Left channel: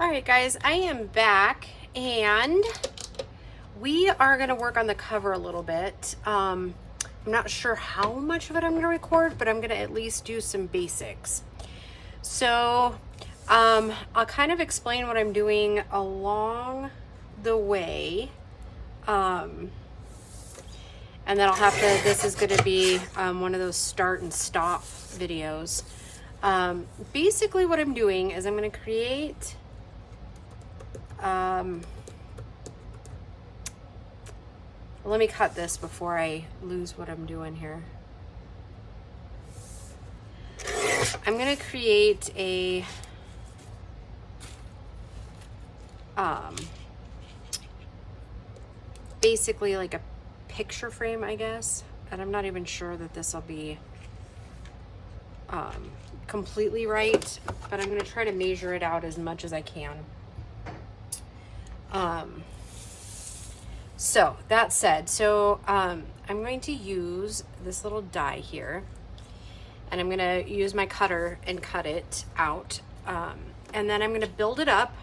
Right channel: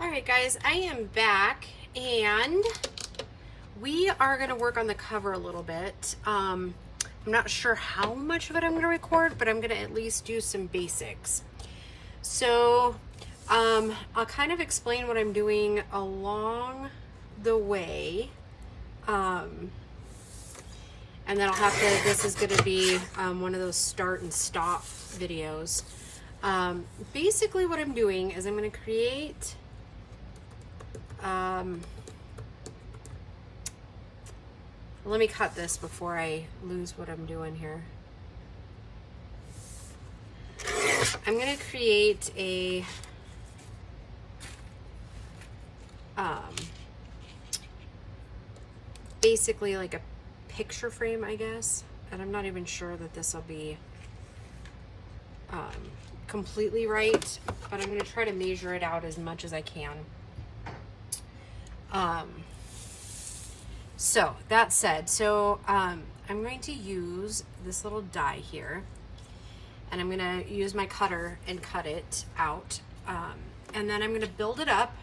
All right, guys, I am back and we are going to work on the cover a little bit. I'm not sure how much of it I'm going to record, but I'm going to at least do some basics. So I'll kind of explain what I'm doing along the way. And then I'll have to, this is going to be one of those start and stop videos. Basically what I'm doing is I'm going to create let me cut this before I lose what I'm doing here. I'm going to create a basically like a picture frame, I guess, and I'm not even sure that this will be completely right, but I'm going to try to measure it out as much as I can. So that said, I'm going to use this little die here, and I'm going to use my cutter and cut it out, and then I'm going to build it up,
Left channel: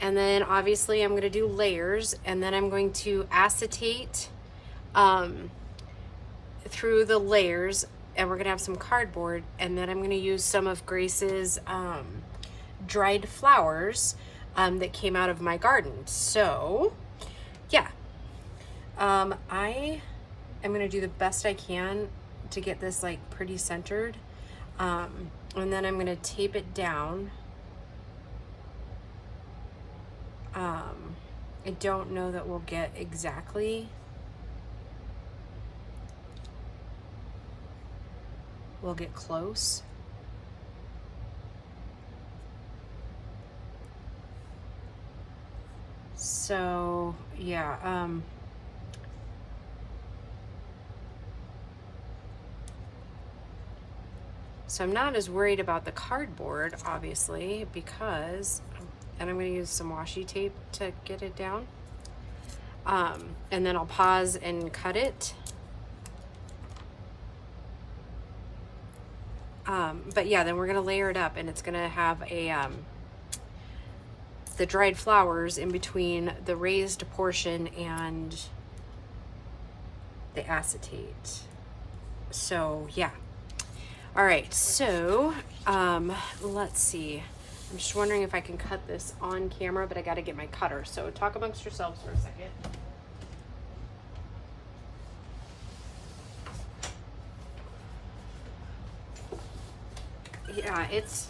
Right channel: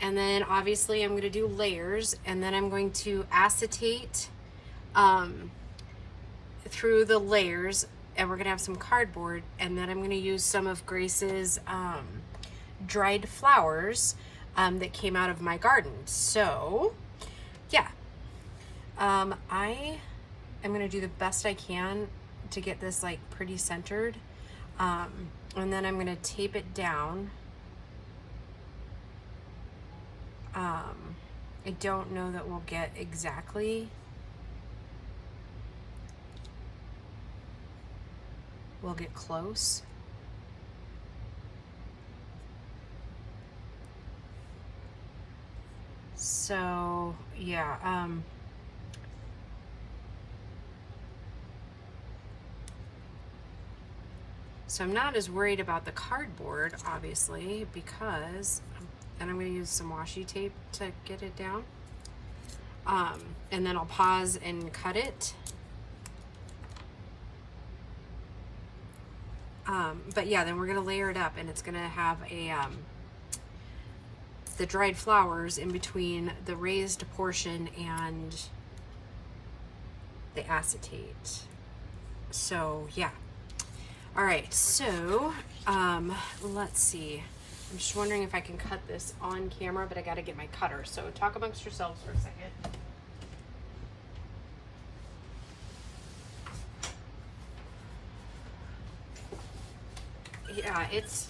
and then obviously I'm going to do layers, and then I'm going to acetate through the layers, and we're going to have some cardboard, and then I'm going to use some of Grace's dried flowers that came out of my garden. So yeah, I am going to do the best I can to get this like pretty centered, and then I'm going to tape it down. I don't know that we'll get exactly, we'll get close. So yeah, so I'm not as worried about the cardboard, obviously, because, and I'm going to use some washi tape to get it down, and then I'll pause and cut it. But yeah, then we're going to layer it up, and it's going to have a the dried flowers in between the raised portion and the acetate. So yeah. All right, so let's see. I'm just wondering if I can cut this on camera, but I got to get my cutter. So talk amongst yourselves for a second. Yeah, it's,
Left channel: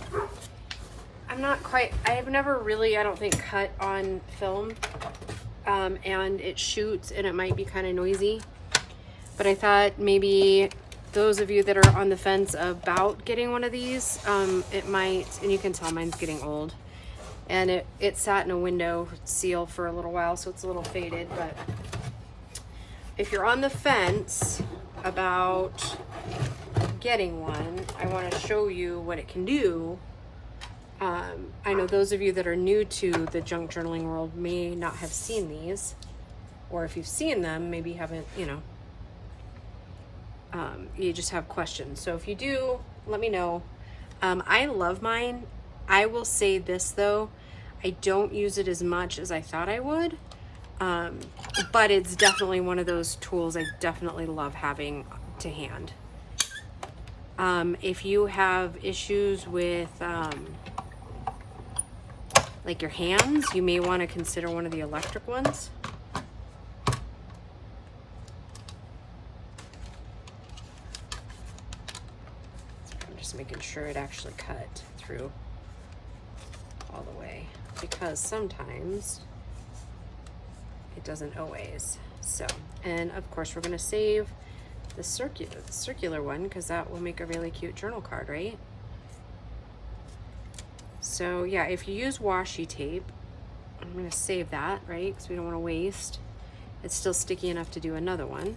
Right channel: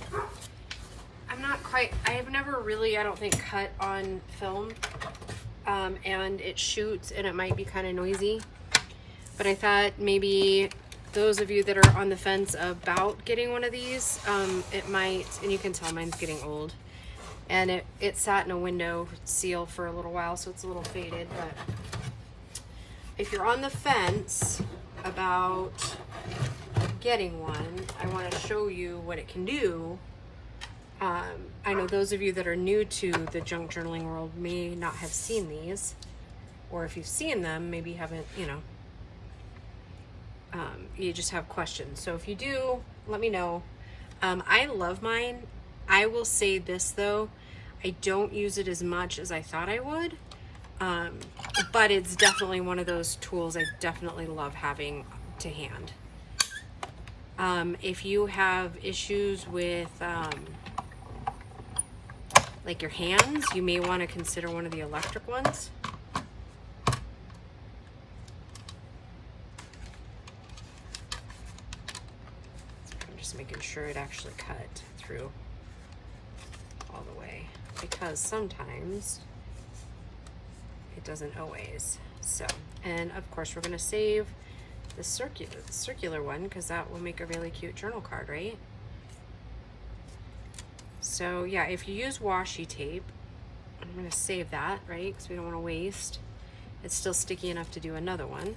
I'm not quite, I have never really, I don't think, cut on film, and it shoots and it might be kind of noisy, but I thought maybe those of you that are on the fence about getting one of these, it might, and you can tell mine's getting old, and it sat in a window seal for a little while, so it's a little faded. But if you're on the fence about getting one, I want to show you what it can do. I know those of you that are new to the junk journaling world may not have seen these, or if you've seen them, maybe haven't, you know, you just have questions. So if you do, let me know. I love mine. I will say this though, I don't use it as much as I thought I would, but it's definitely one of those tools I definitely love having to hand. If you have issues with like your hands, you may want to consider one of the electric ones. I'm just making sure it actually cut through all the way, because sometimes it doesn't always. So, and of course we're going to save the circular one, because that will make a really cute journal card, right? So yeah, if you use washi tape, I'm going to save that, right? Because we don't want to waste. It's still sticky enough to do another one.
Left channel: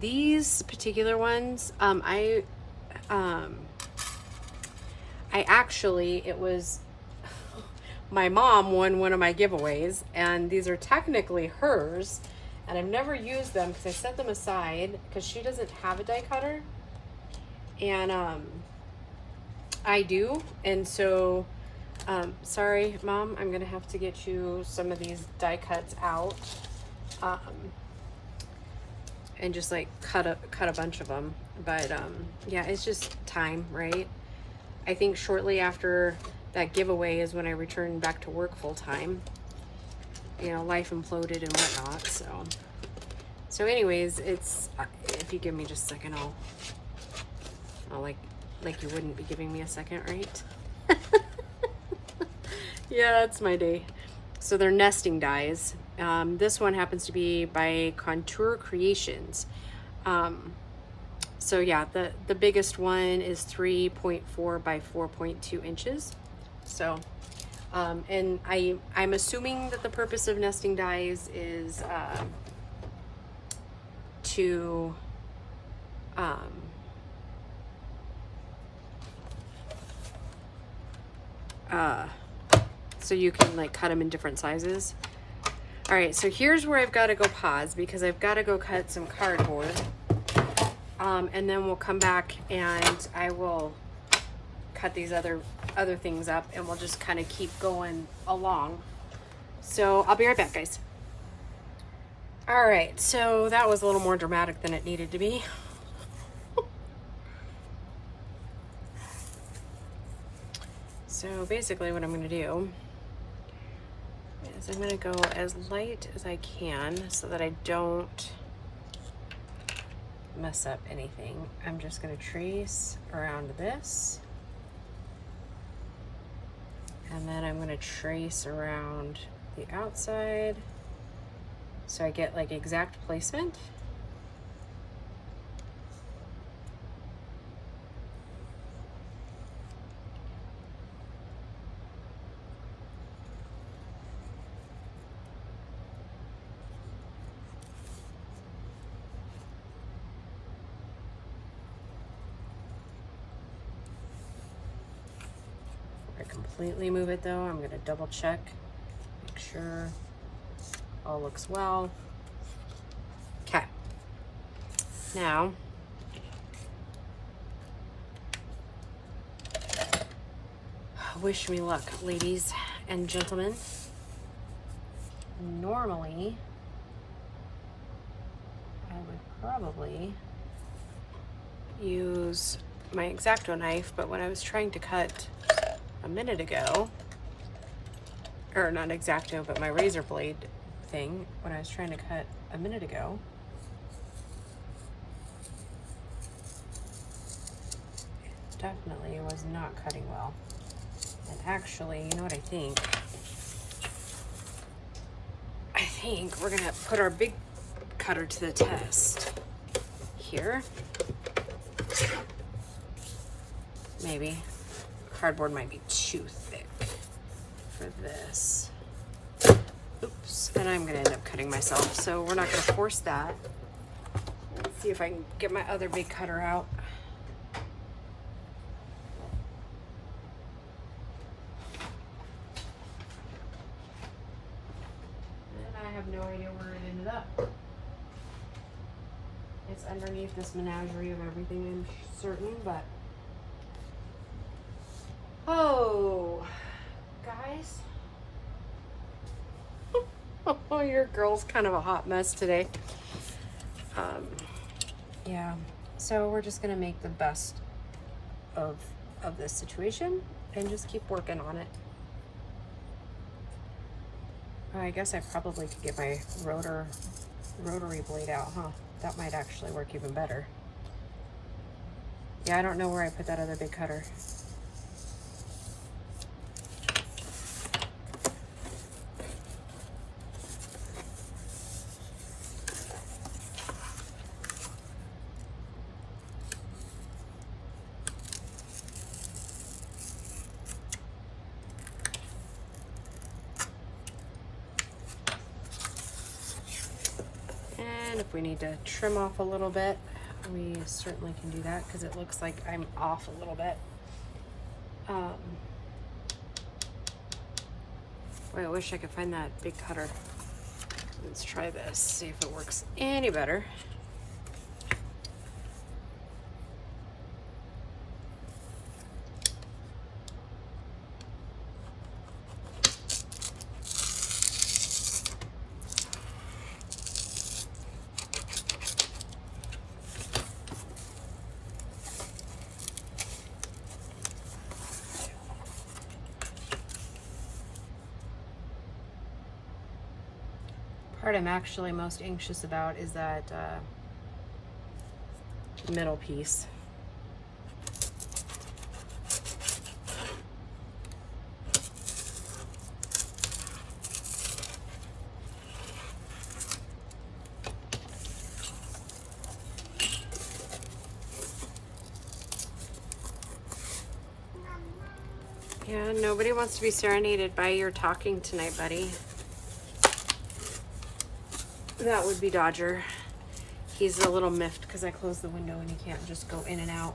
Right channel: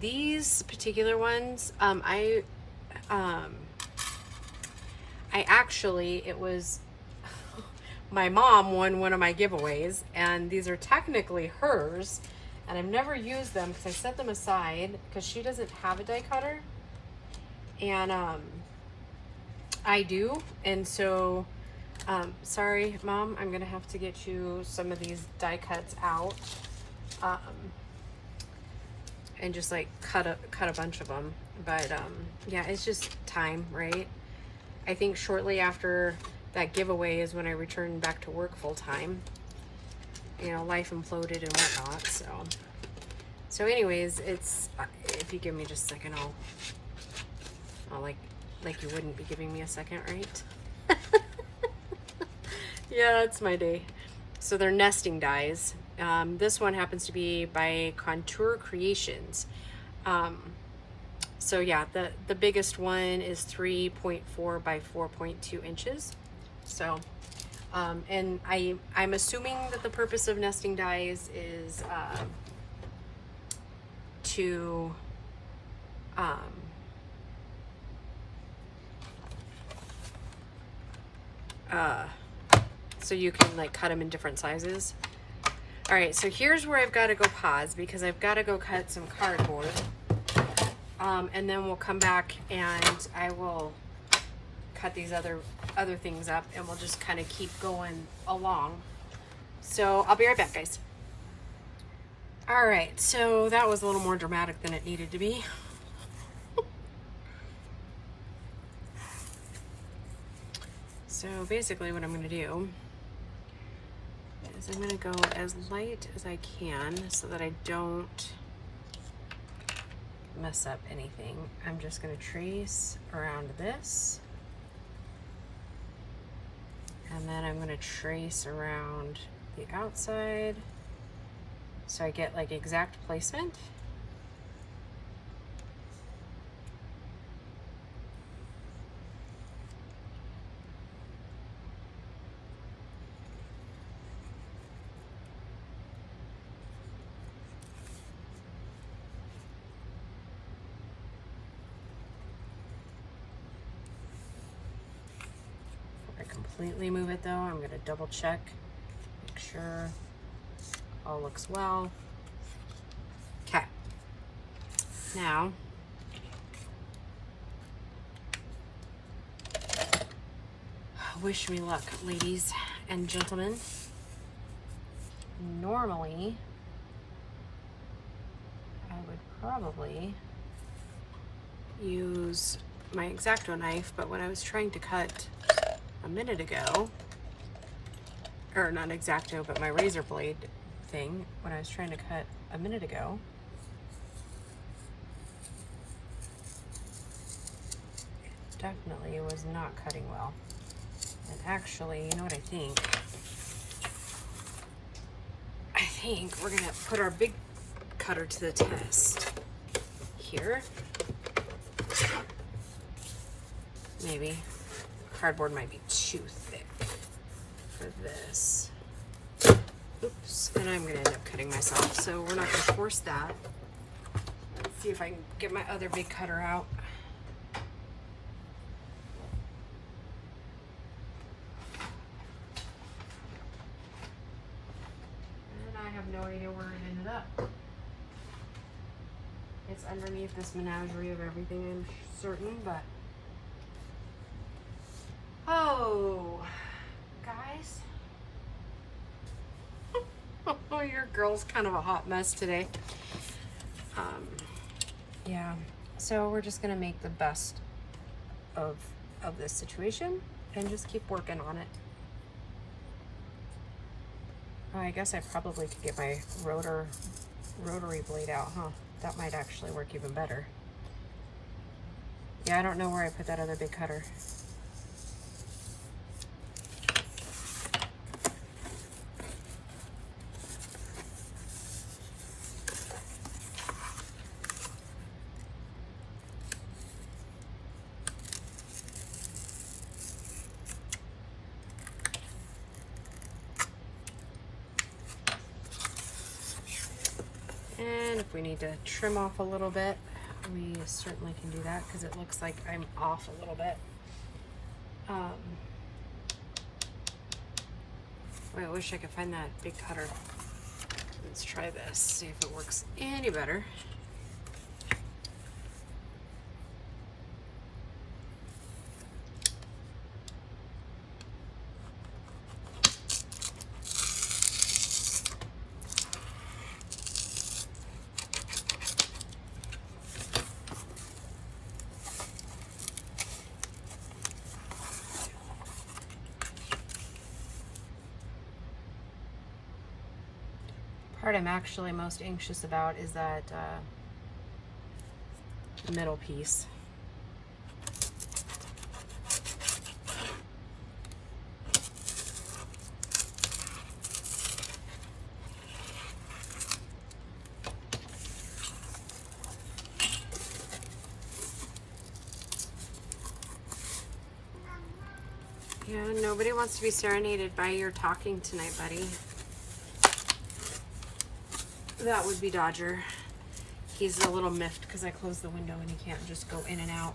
These particular ones, I actually, it was my mom won one of my giveaways, and these are technically hers, and I've never used them because I set them aside because she doesn't have a die cutter, and I do, and so Sorry, Mom, I'm gonna have to get you some of these die cuts out, and just like cut a bunch of them. But yeah, it's just time, right? I think shortly after that giveaway is when I returned back to work full time. You know, life imploded and whatnot. So anyways, it's, if you give me just a second, I'll like you wouldn't be giving me a second, right? Yeah, that's my day. So they're nesting dies. This one happens to be by Contour Creations. So yeah, the biggest one is 3.4 by 4.2 inches. So, and I'm assuming that the purpose of nesting dies is to so you can like cut them in different sizes. All right, so here's where I've got to go pause because I've got to go cut some cardboard, and then we'll come back and I will cut these other things up, and we'll just kind of keep going along. So I'll be right back, guys. All right, so that was a little more dramatic than it needed to be. So basically what I'm going to do is I'm going to go as light as I can so that I don't mess up anything. I'm just going to trace around this, and then I'm going to trace around the outside so I get like exact placement. Completely move it though, I'm going to double check, make sure all looks well. Okay, now wish me luck, ladies and gentlemen. Normally I would probably use my X-Acto knife, but when I was trying to cut a minute ago, or not X-Acto, but my razor blade thing, when I was trying to cut a minute ago, it definitely was not cutting well. And actually, you know what I think? I think we're gonna put our big cutter to the test here. Maybe. Cardboard might be too thick for this. Oops, and I'm gonna end up cutting myself, so we're not gonna force that. Let's see if I can get my other big cutter out. And I have no idea where it ended up. It's underneath this menagerie of everything, I'm certain, but oh, guys. Oh, your girl's kind of a hot mess today. Yeah, so we're just gonna make the best of this situation and just keep working on it. Oh, I guess I probably could get my rotary blade out, huh? That might actually work even better. Yeah, I don't know where I put that other big cutter. And if we need to trim off a little bit, we certainly can do that because it looks like I'm off a little bit. I wish I could find that big cutter. Let's try this, see if it works any better. part I'm actually most anxious about is that middle piece. Yeah, nobody wants to be serenaded by your talking tonight, buddy. That would be Dodger. He's a little miffed because I closed the window and he can't just go in and out.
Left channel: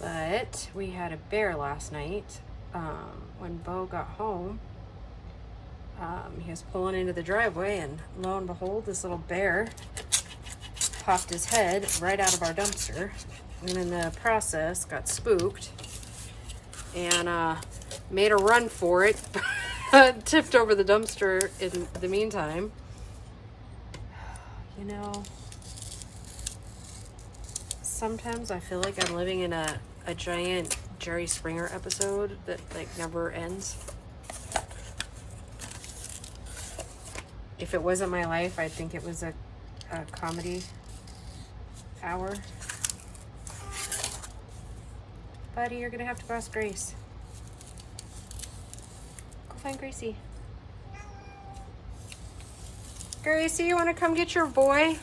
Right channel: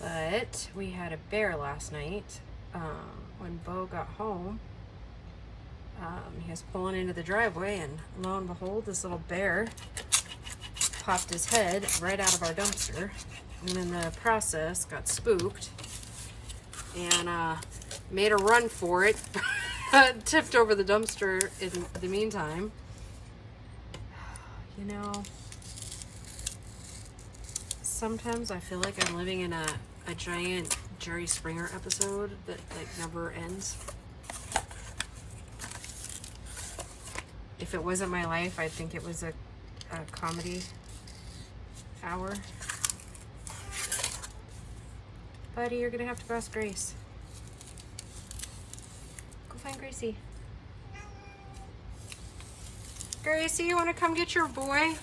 But we had a bear last night. When Bo got home, he was pulling into the driveway and lo and behold, this little bear popped his head right out of our dumpster. And in the process, got spooked and made a run for it. Tipped over the dumpster in the meantime. You know, sometimes I feel like I'm living in a giant Jerry Springer episode that like never ends. If it wasn't my life, I'd think it was a comedy hour. Buddy, you're gonna have to cross Grace. Go find Gracie. Gracie, you wanna come get your boy?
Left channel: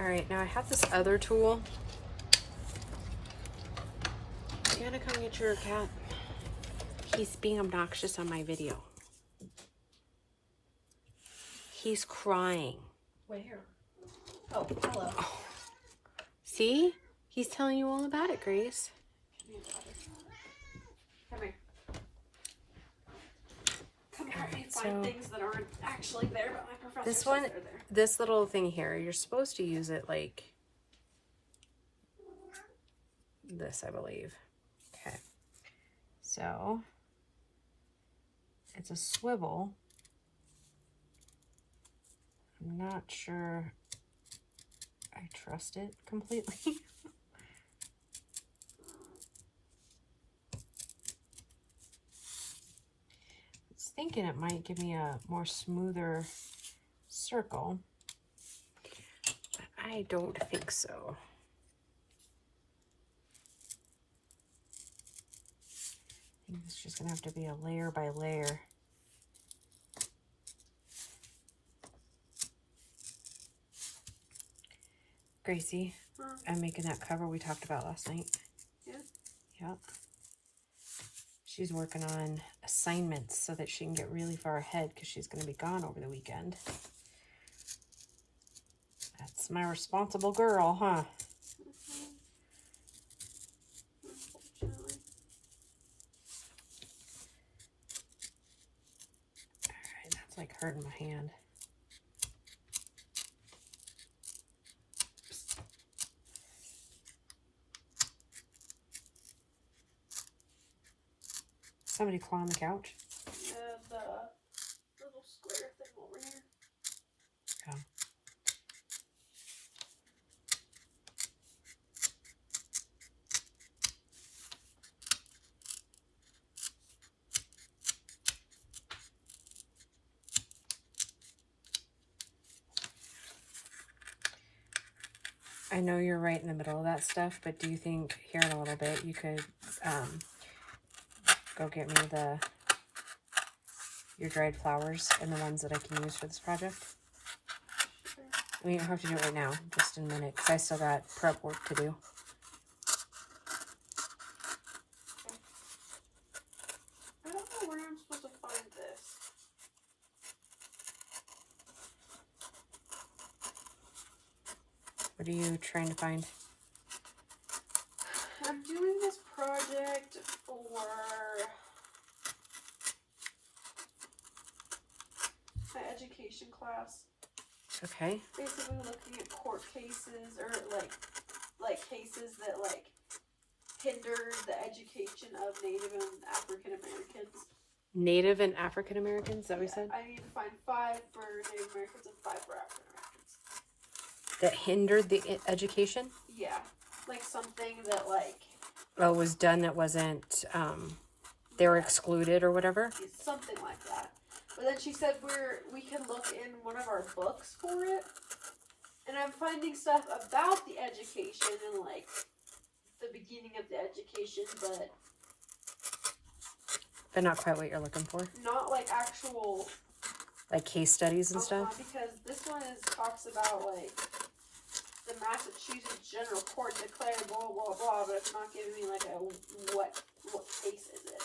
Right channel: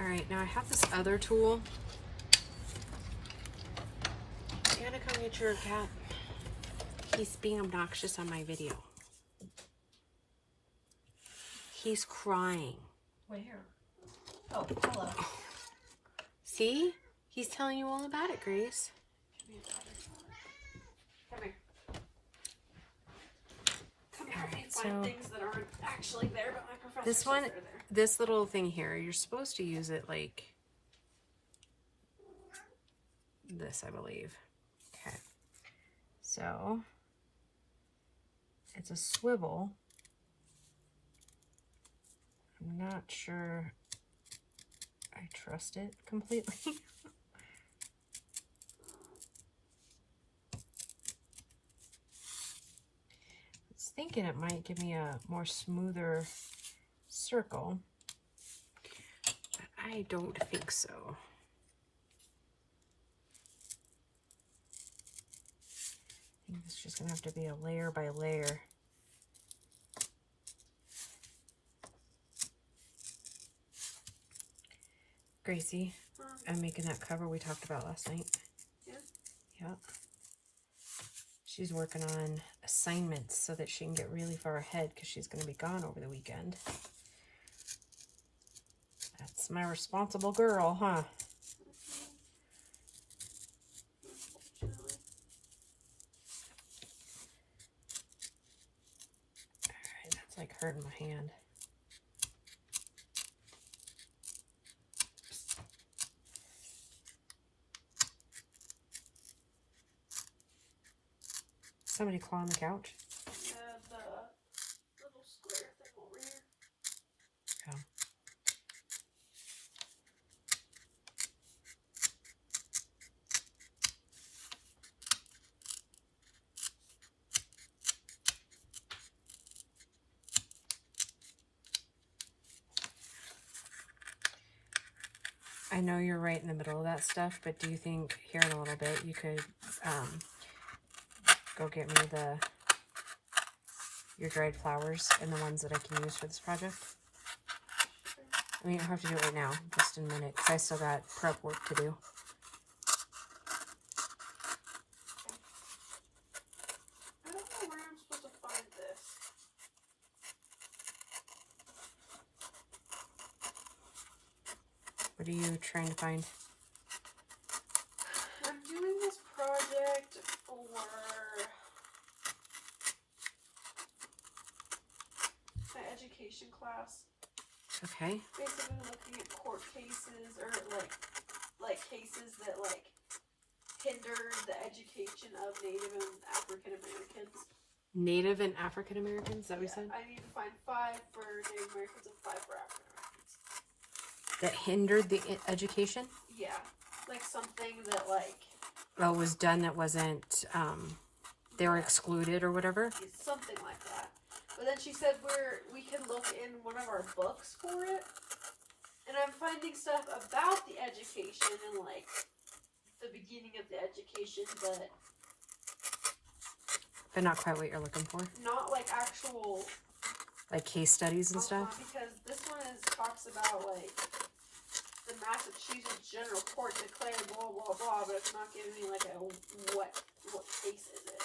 All right, now I have this other tool. You gotta come get your cat. He's being obnoxious on my video. He's crying. Where? Oh, hello. Oh. See? He's telling you all about it, Grace. Come here. Come here. All right, Find so things that aren't actually there, but my professor this says one, they're there. this little thing here, you're supposed to use it like this, I believe. Okay. So it's a swivel. I'm not sure I trust it completely. I was thinking it might give me a more smoother circle, but I don't think so. I think it's just gonna have to be a layer by layer. Gracie, I'm making that cover we talked about last night. Yeah. Yep. She's working on assignments so that she can get really far ahead because she's going to be gone over the weekend. That's my responsible girl, huh? All right, that's like hurting my hand. Somebody claw on the couch? Yeah, the little square thing over here. Oh. I know you're right in the middle of that stuff, but do you think here in a little bit you could go get me your dried flowers and the ones that I can use for this project? I mean, you don't have to do it right now, just in a minute, because I still got prep work to do. I don't know where I'm supposed to find this. What are you trying to find? I'm doing this project for my education class. Okay. Basically looking at court cases or like cases that like hinder the education of Native and African Americans. Native and African Americans, is that what you said? I need to find 5 for Native Americans and 5 for African Americans. That hindered the education? Yeah. Like something that like... Oh, was done that wasn't, they were excluded or whatever? Something like that. But then she said we can look in one of our books for it. And I'm finding stuff about the education and like the beginning of the education, but not quite what you're looking for? Not like actual... Like case studies and stuff? Because this one talks about like the Massachusetts General Court declared blah blah blah, but it's not giving me like a what case is it.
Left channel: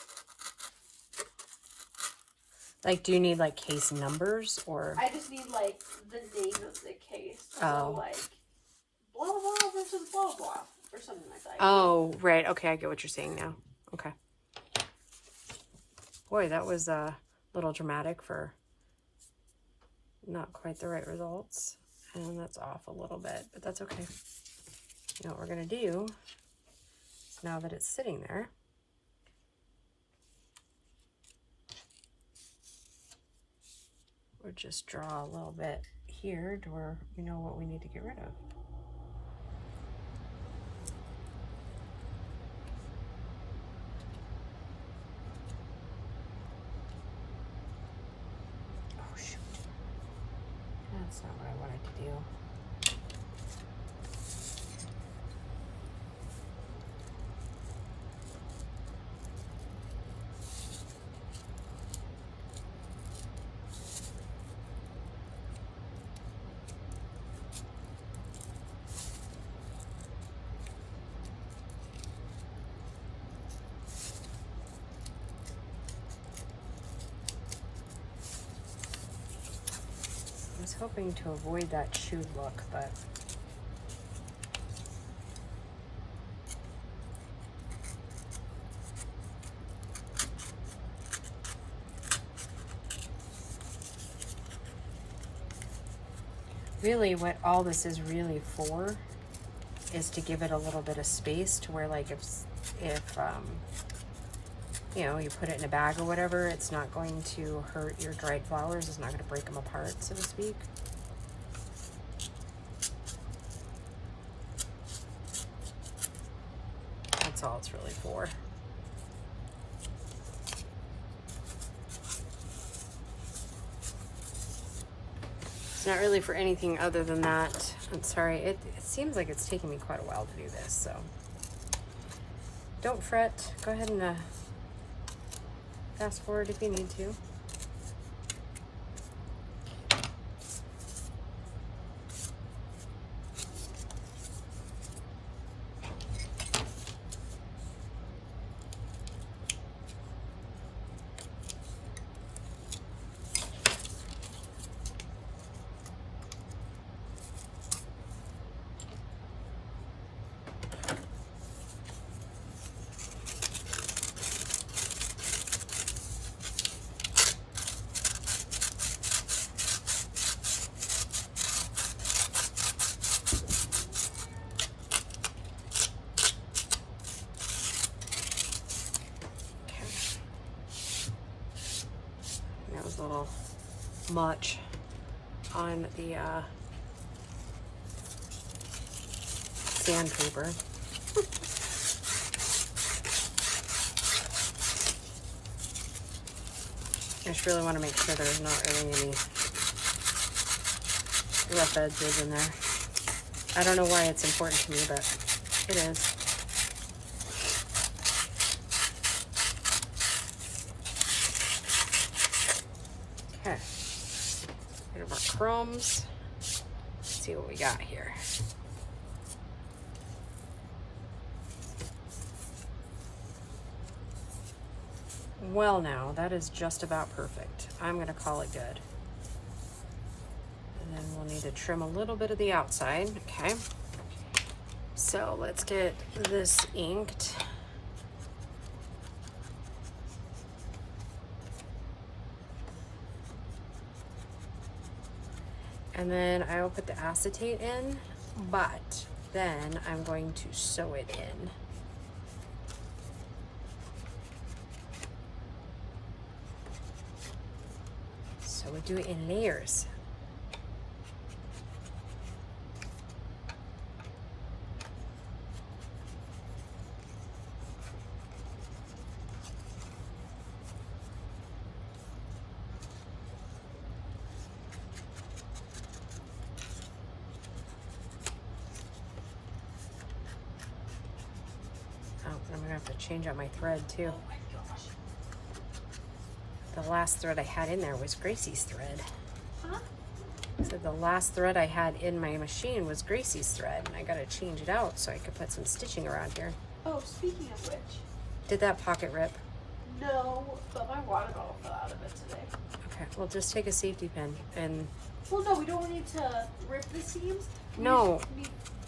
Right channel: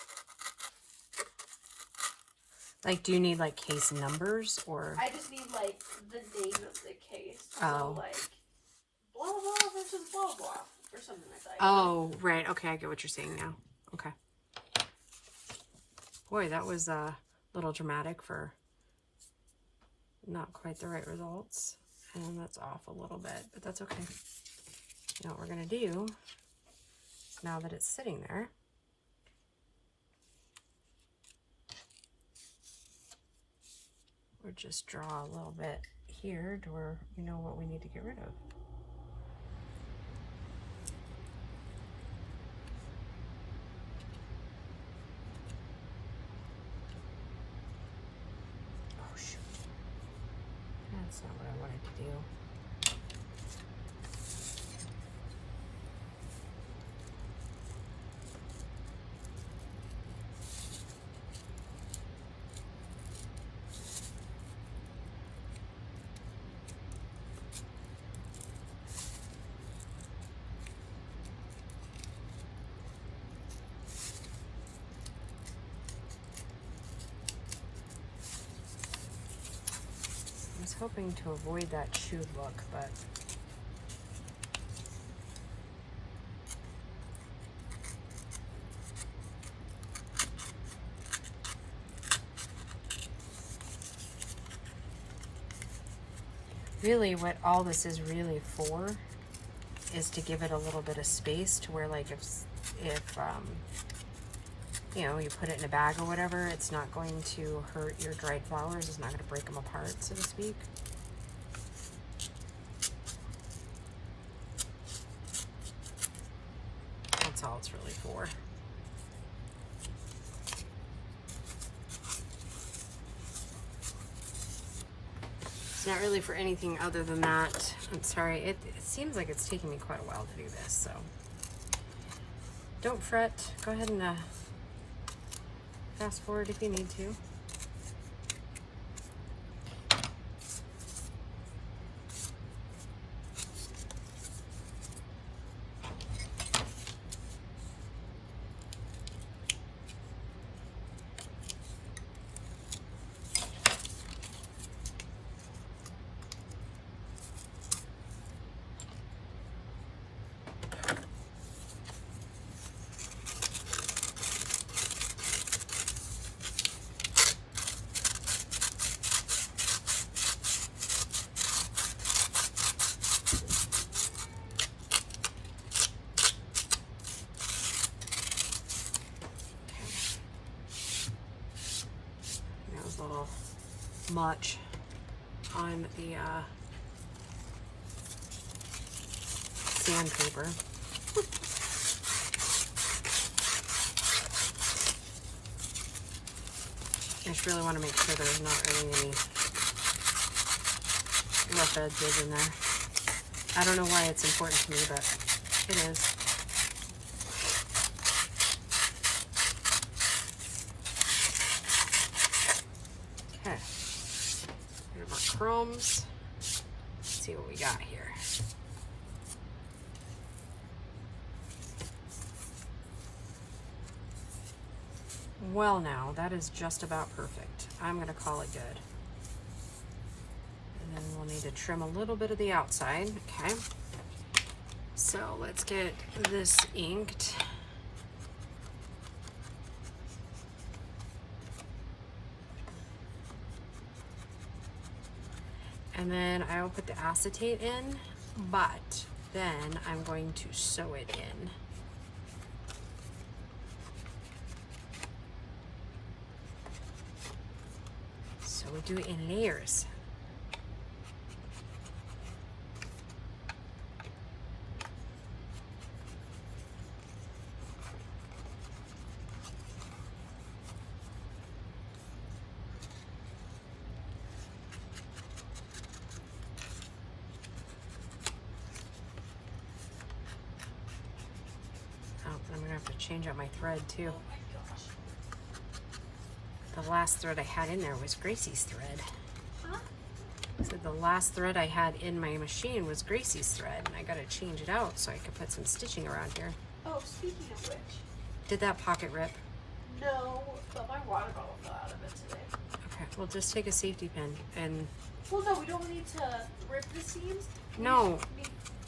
Like, do you need like case numbers or? I just need like the name of the case. Oh. So, like blah blah versus blah blah or something like that. Oh, right. Okay, I get what you're saying now. Okay. Boy, that was a little dramatic for not quite the right results. And that's off a little bit, but that's okay. You know what we're going to do is, now that it's sitting there, we'll just draw a little bit here to where we know what we need to get rid of. That's not what I wanted to do. I was hoping to avoid that chewed look, but really what all this is really for is to give it a little bit of space to where, like, if you know, you put it in a bag or whatever, it's not going to hurt your dried flowers. It's not going to break them apart, so to speak. That's all it's really for. It's not really for anything other than that. I'm sorry, it seems like it's taking me quite a while to do this, so don't fret. Go ahead and fast forward if you need to. A little much on the sandpaper. I just really want to make sure there's not really any rough edges in there. I don't know why it's important to me, but it is. Okay, bit of our crumbs. Let's see what we got here. Well, now that is just about perfect. I'm gonna call it good. And then we'll need to trim a little bit of the outside. Okay, so let's get this inked. And then I will put the acetate in, but then I'm going to sew it in. So we do it in layers. have to change out my thread too. The last thread I had in there was Gracie's thread. So the last thread I had in my machine was Gracie's thread, and I gotta change it out so I could put some stitching around here. Oh, speaking of which. Did that pocket rip? No, but my water bottle fell out of it today. Okay, well just take a safety pin and... Well, no, we don't need to rip the seams. No,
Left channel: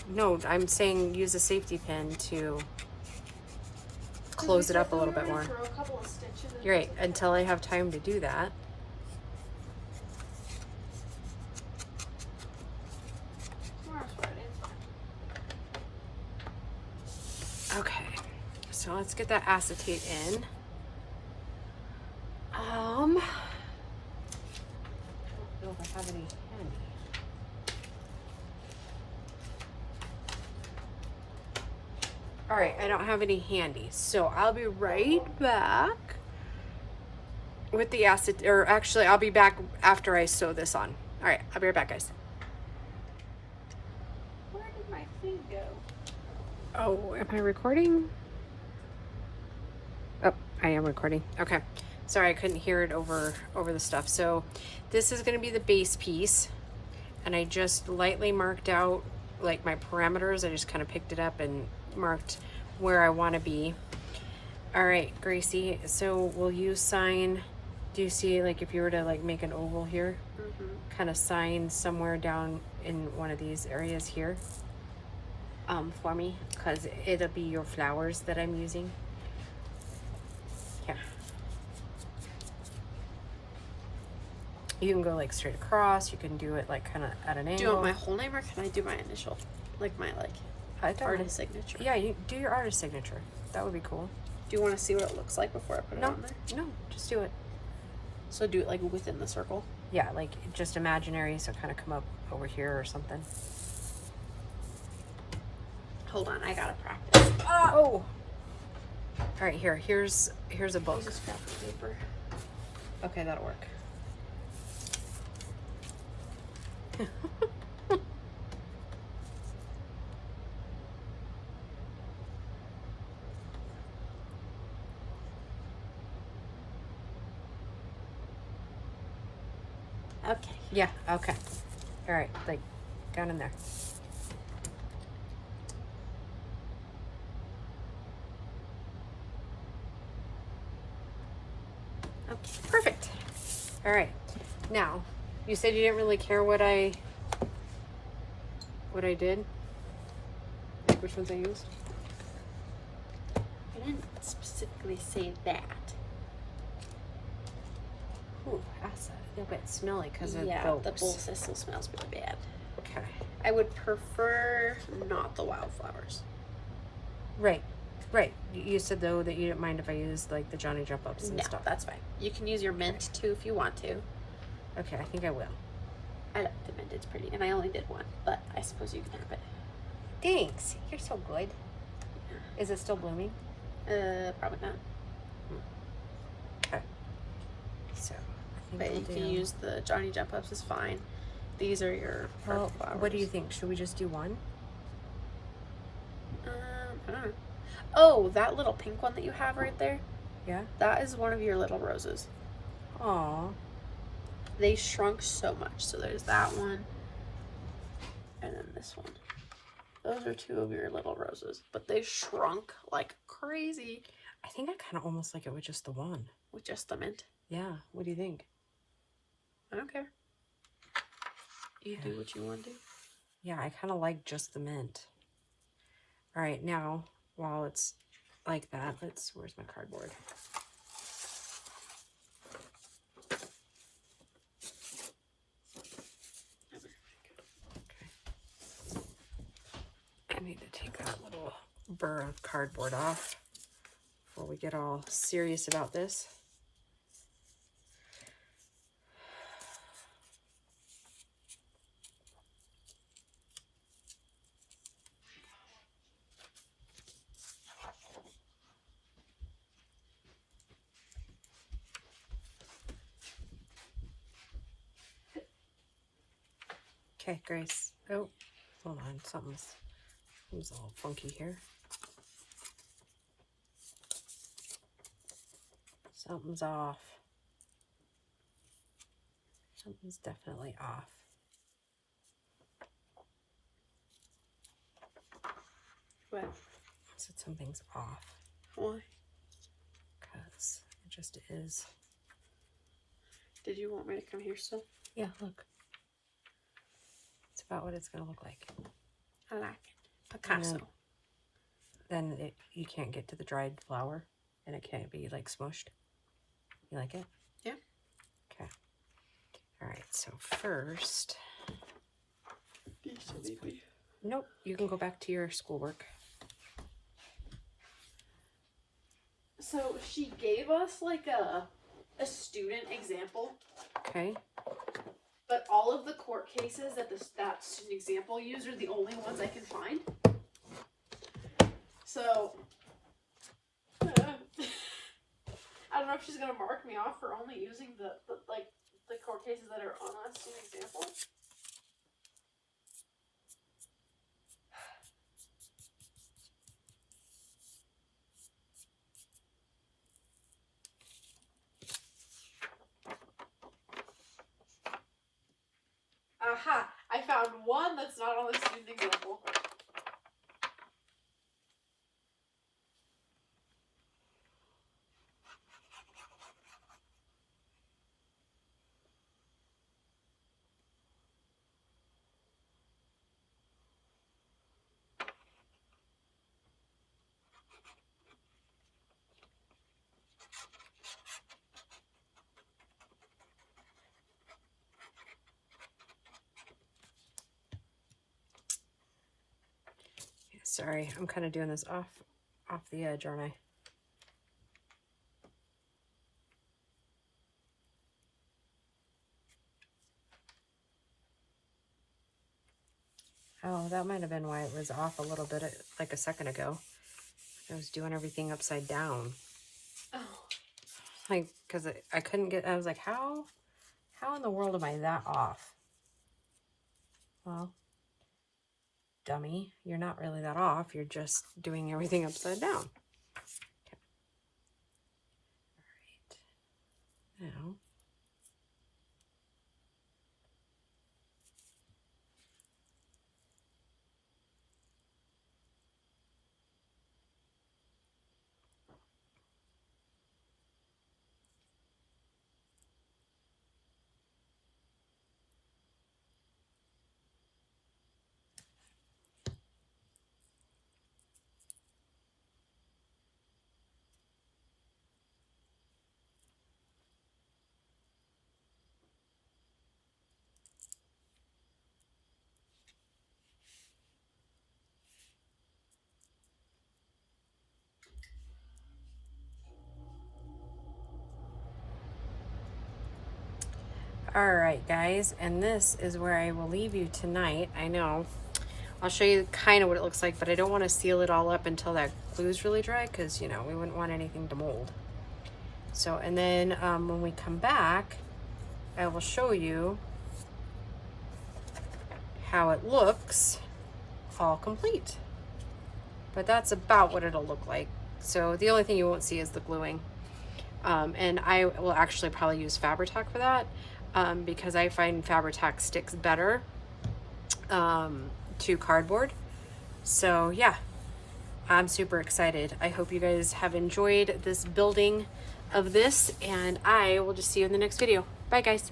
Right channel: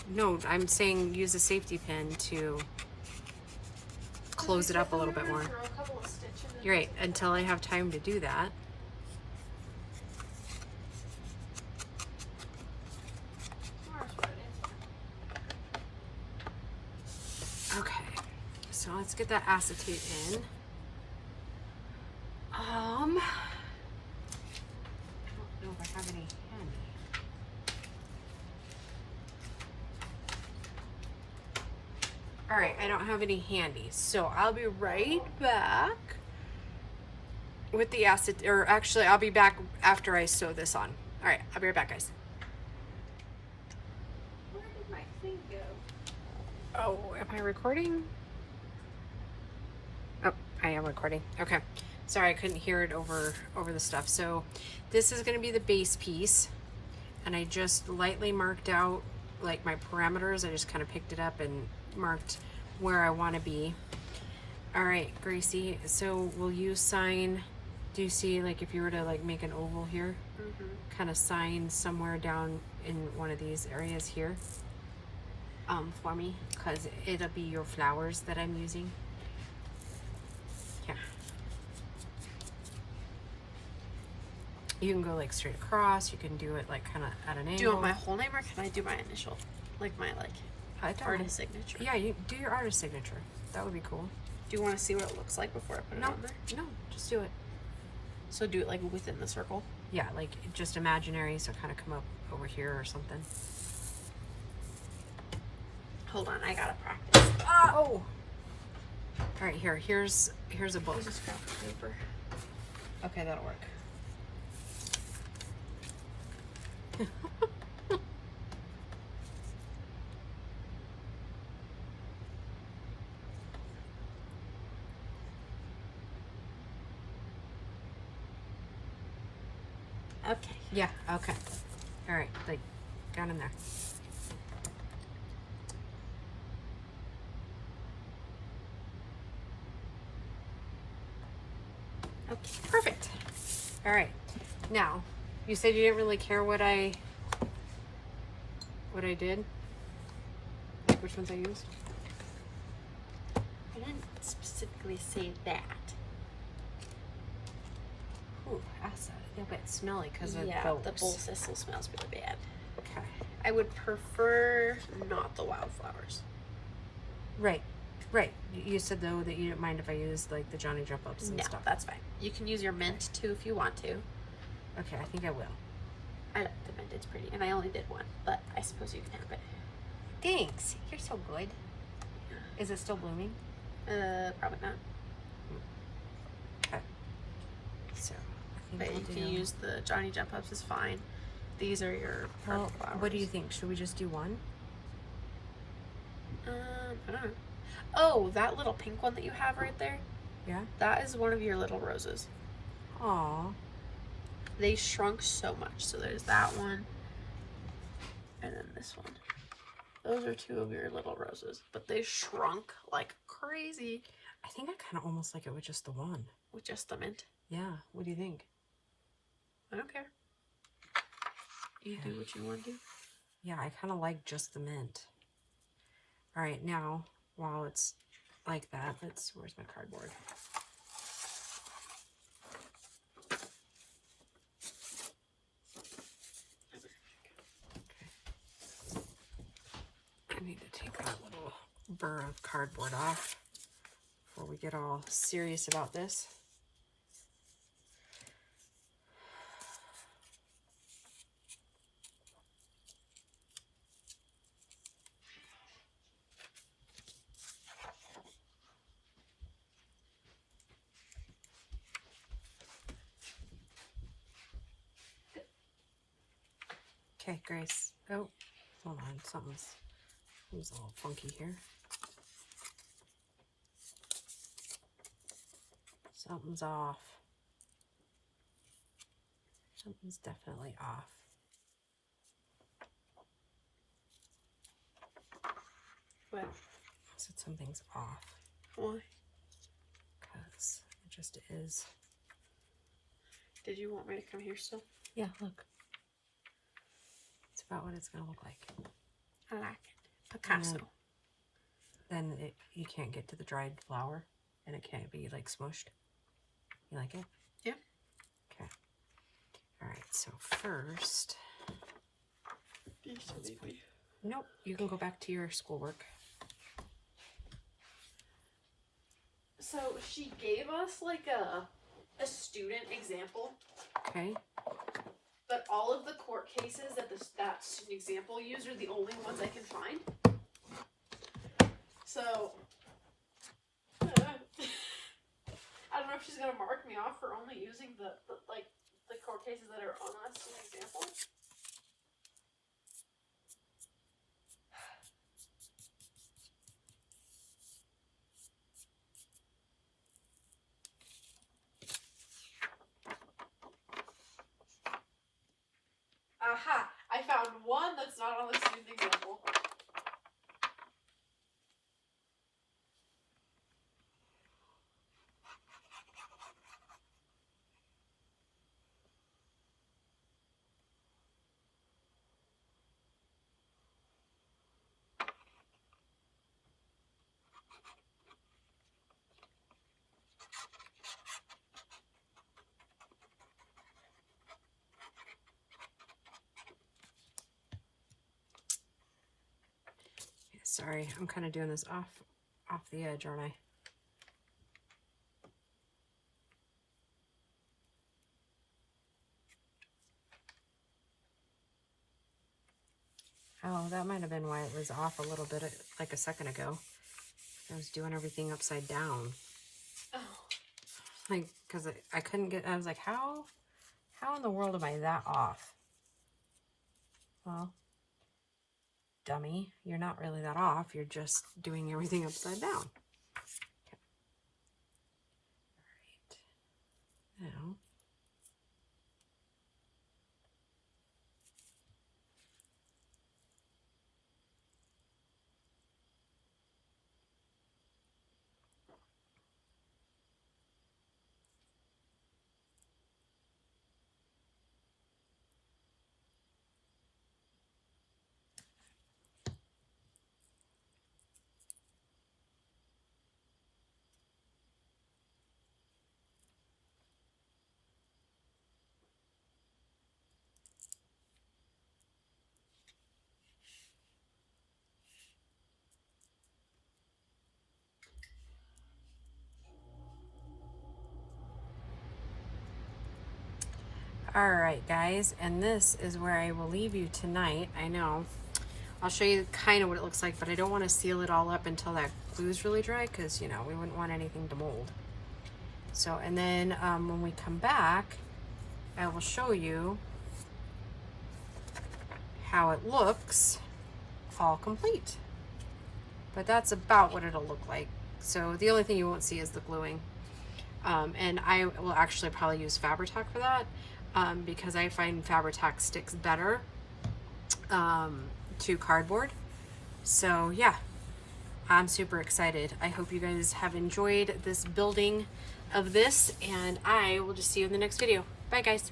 no, I'm saying use a safety pin to close it up a little bit more. You're right, until I have time to do that. Okay, so let's get that acetate in. I don't know if I have any handy. All right, I don't have any handy, so I'll be right back with the acetate, or actually I'll be back after I sew this on. All right, I'll be right back, guys. Where did my thing go? Oh, am I recording? Oh, I am recording. Okay. Sorry, I couldn't hear it over the stuff. So this is going to be the base piece, and I just lightly marked out like my parameters. I just kind of picked it up and marked where I want to be. All right, Gracie, so will you sign, do you see like if you were to like make an oval here, kind of sign somewhere down in one of these areas here for me, because it'll be your flowers that I'm using. Yeah. You can go like straight across, you can do it like kind of at an angle. Do you want my whole name or can I do my initial? Like my artist signature? Yeah, you do your artist signature. That would be cool. Do you want to see what it looks like before I put it on there? No, just do it. So do it like within the circle? Yeah, like just imaginary, so kind of come up over here or something. Hold on, I gotta practice. Oh! All right, here's a book. There's a scrap of paper. Okay, that'll work. Okay. Yeah, okay. All right, like, got in there. Okay, perfect. All right, now, you said you didn't really care what I did? Which ones I used? I didn't specifically say that. Ooh, acid. Yeah, but it's smelly because of Yeah, those. the bowl system smells really bad. Okay. I would prefer not the wildflowers. Right. You said though that you didn't mind if I used like the Johnny Jump Ups and No, stuff. that's fine. You can use your mint too if you want to. Okay, I think I will. I like the mint, it's pretty. And I only did one, but I suppose you can have it. Thanks. You're so good. Is it still blooming? Probably not. Okay. So, I think But I'll if do... you use the Johnny Jump Ups, is fine. These are your Well, flowers. what do you think? Should we just do one? I don't know. Oh, that little pink one that you have right there, Yeah? that is one of your little roses. Aw. They shrunk so much. So there's that one. And then this one. Those are two of your little roses. But they shrunk like crazy. I think I kind of almost like it with just the one. With just the mint. Yeah. What do you think? I don't care. You do what you want to do. Yeah, I kind of like just the mint. All right, now, while it's like that, where's my cardboard? Okay. I need to take that little burr of cardboard off before we get all serious about this. Okay, Grace. Oh, hold on. Something's all funky here. Something's off. Something's definitely off. What? I said something's off. Why? Because it just is. Did you want me to come here still? Yeah, look. It's about what it's going to look like. I like it. Picasso. Then you can't get to the dried flour, and it can't be like smushed. You like it? Yeah. Okay. All right, so first... Nope, you can go back to your schoolwork. So she gave us like a student example. Okay. But all of the court cases that that student example used are the only ones I can find. So I don't know if she's gonna mark me off for only using the court cases that are on that student example. Aha! I found one that's not on the student example. Sorry, I'm kind of doing this off the edge, aren't I? Oh, that might have been why it was off a little bit like a second ago. I was doing everything upside down. Oh. Like, because I couldn't get, I was like, how in the world am I that off? Well, dummy, you're not really that off. You're just doing everything upside down. Okay. All right. Now, all right, guys, and this is where I will leave you tonight. I know. I'll show you kind of what it looks like, but I don't want to seal it all up until that glue's really dry because, you know, we wouldn't want anything to mold. So, and then when we come back, I will show you how it looks all complete. But that's about what it'll look like. So the only thing you won't see is the gluing. And I will actually probably use Fabri-Tac for that because I find Fabri-Tac sticks better to cardboard. So yeah, I'm super excited. I hope you guys have enjoyed this building of this, and I will just see you in the next video. Bye guys.